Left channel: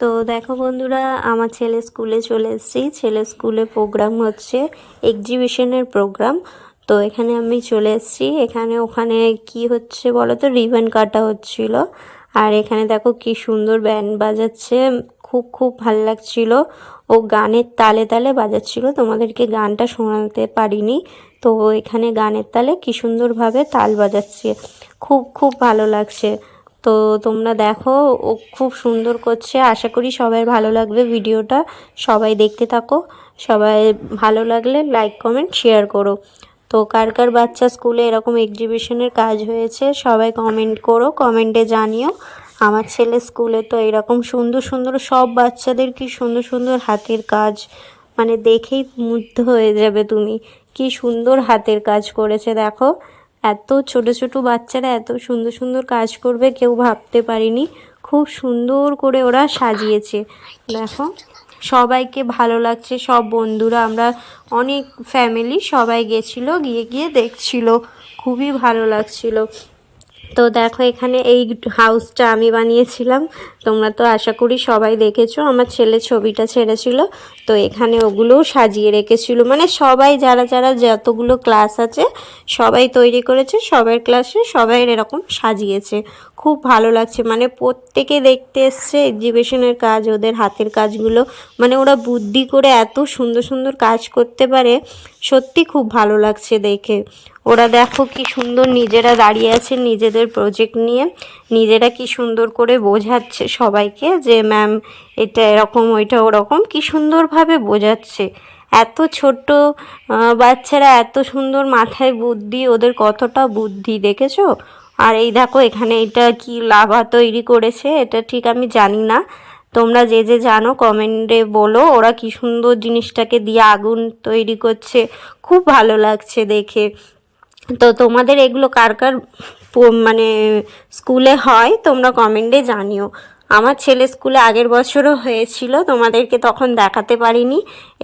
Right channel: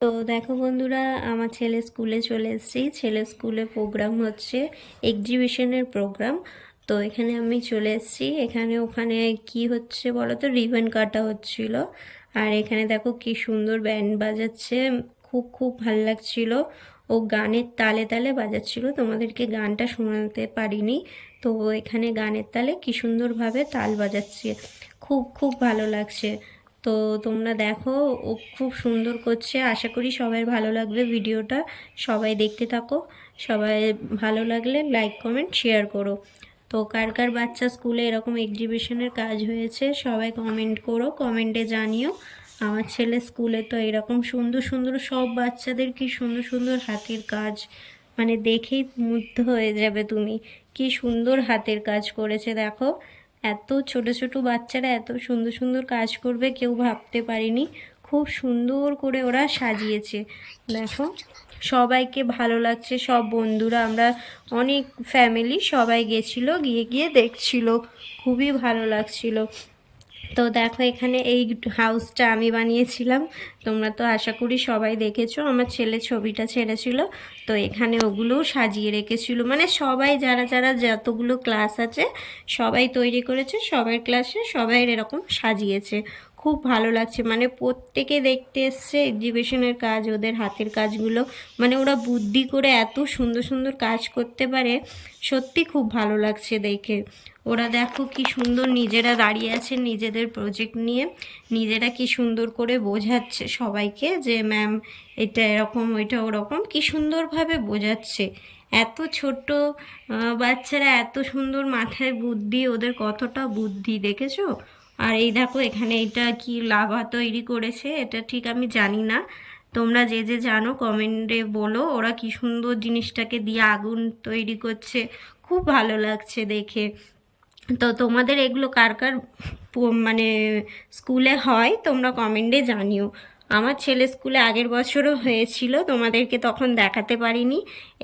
তো দেখো বন্ধুরা, আমার ছেলে স্কুলে চলে এসেছি। ছেলে স্কুলে প্রোগ্রাম হচ্ছে, এক্সিবিশনের প্রোগ্রাম। তো এখানে আমি চলে এসেছি। ওখানে কি হচ্ছে বলো তো, রিবন কাটা হচ্ছিল। আর এখানে দেখো কি সুন্দর ব্যান্ড বাজাচ্ছে, খুব খুব ভাল লাগছিল। ও গানের তালে তালে বাজাচ্ছিল, তোমাদেরকে গানটা শোনাতে পারিনি। তো এখানে গানের তালে কি সুন্দরভাবে তাল বাজাচ্ছে, খুব খুব ভালো লাগছে। তো তোমরা দেখো, ও খুব সুন্দর করছে। আশা করি সবাই ভালো লাগবে ভিডিওটা, সবাই দেখতে থাকো। সবাই ভালো লাগলে লাইক কমেন্ট শেয়ার করো। তো কার কার বাচ্চা স্কুলে এরকম এক্সিবিশনের কাজ হয়েছে সবাই কমেন্ট করো, কমেন্টে জানিও। আমার ছেলে স্কুলে তো এরকম সুন্দর সুন্দর সব বাচ্চাদের কি সুন্দর সুন্দর হাতের কাজ, মানে দেখেই মুগ্ধ হয়ে যাবে তুমি। কি সুন্দর হাতের কাজ করেছে দেখো। এত ছোট ছোট বাচ্চারা এত সুন্দর সুন্দর কাজ করবে কেউ ভাবতে পারিনি। খুব সুন্দর করে ওরা সাজিয়েছে দেখো। সবাইকে ভালো লাগছে, সব বন্ধুরা, আমরা অনেক ফ্যামিলি সবাই গেছিলো, গিয়ে গিয়ে দেখছিল, খুবই ভালো লাগছিল। তো দেখো এখানে এই হাউসটা আমি বানিয়েছিলাম, তোমরা তো আশা করি সবাই দেখেছো। আমার ছেলে ছবিটা ছেড়েছিল, তো এখানে ওগুলোও সাজিয়ে রেখেছিল। মানে সবাই যারা যারা যতগুলো ক্লাস আছে সবাই তৈরি করেছে, সবার ক্লাসে সবাই এরকম সাজিয়েছে। খুব ভালো লাগছে, মানে প্রত্যেকে দেখতে এসছে এক্সিবিশনের কাজ, ওদের হাতের কাজগুলো। মানে ওরা বুদ্ধি করে এত সুন্দর সুন্দর কাজ করতে পারে, সত্যি খুব ভালো লাগছে দেখে। ওরা দেখো কি সুন্দর নিজেরা দাঁড়িয়ে আছে, নিজেদের প্রজেক্ট নিয়ে নিজেরা কি সুন্দর করে বোঝাচ্ছে সবাইকে যে ম্যাম এটা এরকম ওইটা ওরকম, কি সুন্দরভাবে বোঝাচ্ছে। এত ছোট্ট বাচ্চারা এত সুন্দর মাথায় বুদ্ধি, ওদের কতটা বুদ্ধি দেখেছো। আর এই দেখো এখানে এটা কি লাভা তৈরি করেছে, এটা ঠিক আমি জানি না। তোমরা যে যে জানো কমেন্টে বলো। ওরা কি সুন্দর জিনিসটাকে দিয়ে আগুন তৈরি করছে, খুব ভালো লাগছে দেখে। তো তোমাদের এগুলো কার কার মানে স্কুলে হয় তোমরা কমেন্টে জানিও। আমার ছেলে স্কুলে আগের বছরও হয়েছিল, তোমাদেরকে তখন দেখাতে পারিনি।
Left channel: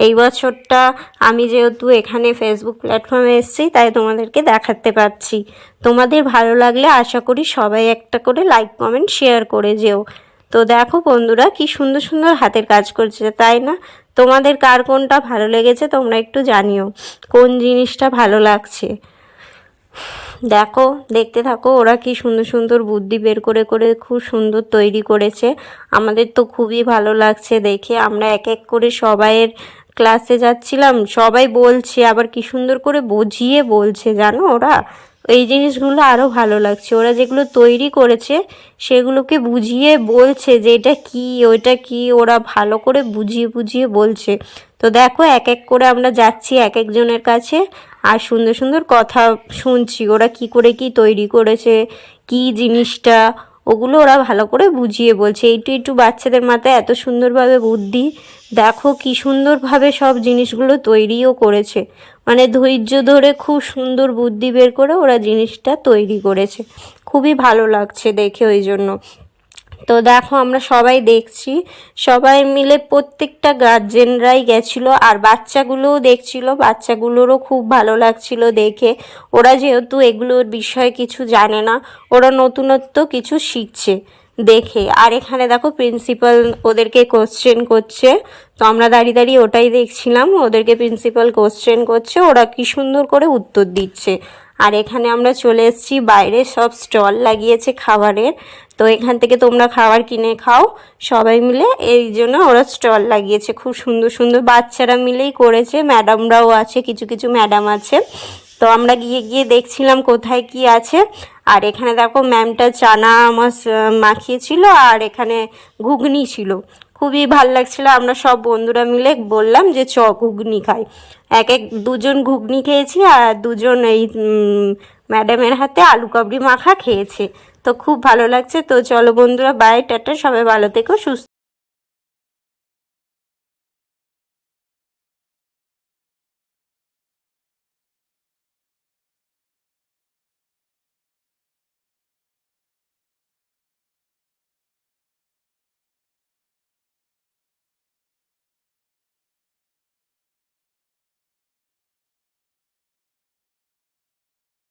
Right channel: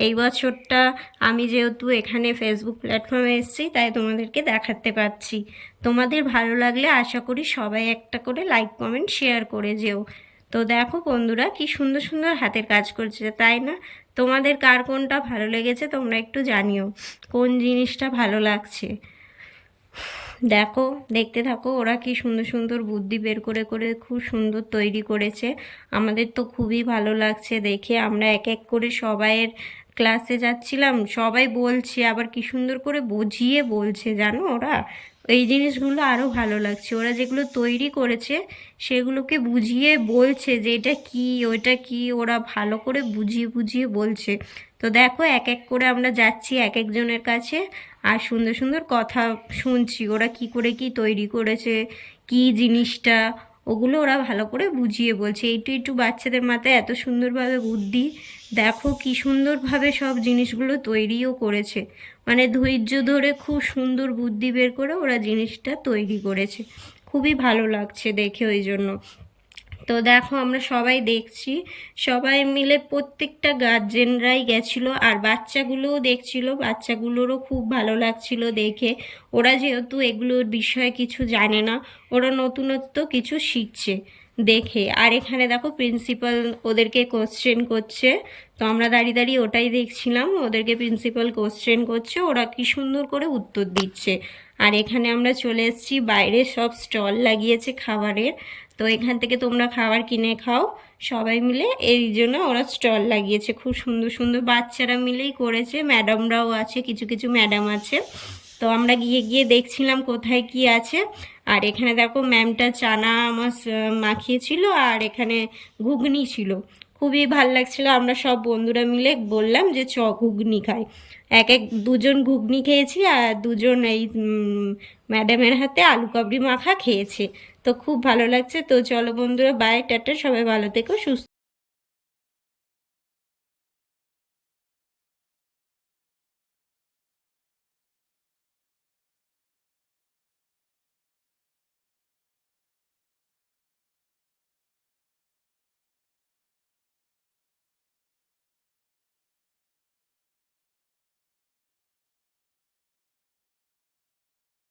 এই বছরটা আমি যেহেতু এখানে ফেসবুক প্ল্যাটফর্মে এসেছি তাই তোমাদেরকে দেখাতে পারছি। তোমাদের ভালো লাগলে আশা করি সবাই একটা করে লাইক কমেন্ট শেয়ার করে যেও। তো দেখো বন্ধুরা কি সুন্দর সুন্দর হাতের কাজ করছে, তাই না? তোমাদের কার কোনটা ভালো লেগেছে তোমরা একটু জানিও, কোন জিনিসটা ভালো লাগছে। দেখো দেখতে থাকো, ওরা কি সুন্দর সুন্দর বুদ্ধি বের করে করে খুব সুন্দর তৈরি করেছে। আমাদের তো খুবই ভালো লাগছে দেখে। আমরা এক এক করে সবাইয়ের ক্লাসে যাচ্ছিলাম, সবাই বলছে, আবার কি সুন্দর করে বুঝিয়ে বলছে জানো ওরা। এই জিনিসগুলো আরও ভালো লাগছে, ওরা যেগুলো তৈরি করেছে সেগুলোকে বুঝিয়ে বলছে যে এটা কি ওইটা কি, ওরা ভালো করে বুঝিয়ে বুঝিয়ে বলছে। তো দেখো এক এক করে আমরা যাচ্ছি এক একজনের কাছে, আর সুন্দর সুন্দর কথা শুনছি ওরা কি করে কি তৈরি করেছে, কি জিনিসটা, ওগুলো ওরা ভালো করে বুঝিয়ে বলছে। একটু একটু বাচ্চাদের মাথায় এত সুন্দরভাবে বুদ্ধি, দেখো কি সুন্দরভাবে সব জিনিসগুলো তৈরিও করেছে। মানে ধৈর্য ধরে খুব সুন্দর বুদ্ধি বের করে ওরা জিনিসটা তৈরি করেছে, খুবই ভালো লাগছে দেখে ওই জন্য। তো দেখো আমরা সবাই দেখছি, সবাই মিলে প্রত্যেকটা গার্জেনরাই গেছিলো, আর বাচ্চাগুলোও দেখছিল, বাচ্চাগুলোরও খুব ভালো লাগছিল দেখে। ওরা যেহেতু এগুলোর বিষয়ে কিছু জানে না, ওরা নতুনত্ব কিছু শিখছে দেখে। আর এখানে দেখো প্রিন্সিপাল ওদেরকে কোশ্চেন করছে, তো আমরা দাঁড়িয়ে দাঁড়িয়ে ওটাই দেখছিলাম, ওদেরকে প্রিন্সিপাল কোশ্চেন করছে, ওরা কি সুন্দর করে উত্তর দিচ্ছে। আর এখানে আমরা চলে এসেছি, বাইরে সব স্টল লাগিয়েছে খাবারের, তো এখান থেকে তোমরা খাবার কিনে খাও সবাই মিলে, এই জন্য ওরা স্টল লাগিয়েছে। খুব সুন্দর সুন্দর বাচ্চারা মিলেই করেছে, ম্যাডামরাও আছে, কিছু কিছু ম্যাডাম আছে। তো আমরা গিয়ে গিয়ে দেখছিলাম কোথায় কি আছে। আর এখানে দেখো ম্যামটা চানা মাখিয়েছিল, আর এখানে ঘুগনি ছিল, খুবই ভাল লাগছিলো। আমরা সব বন্ধুরা মিলে বললাম যে ঘুগনি খাই। এক এক দুজন ঘুগনি খেয়েছি, আর দুজন এই ম্যাডামের হাতে আলু কাবলি মাখা খেয়েছে। তো খুব ভালো লাগছে। তো চলো বন্ধুরা, বাই, টাটা, সবাই ভালো থেকো, সুস্থ।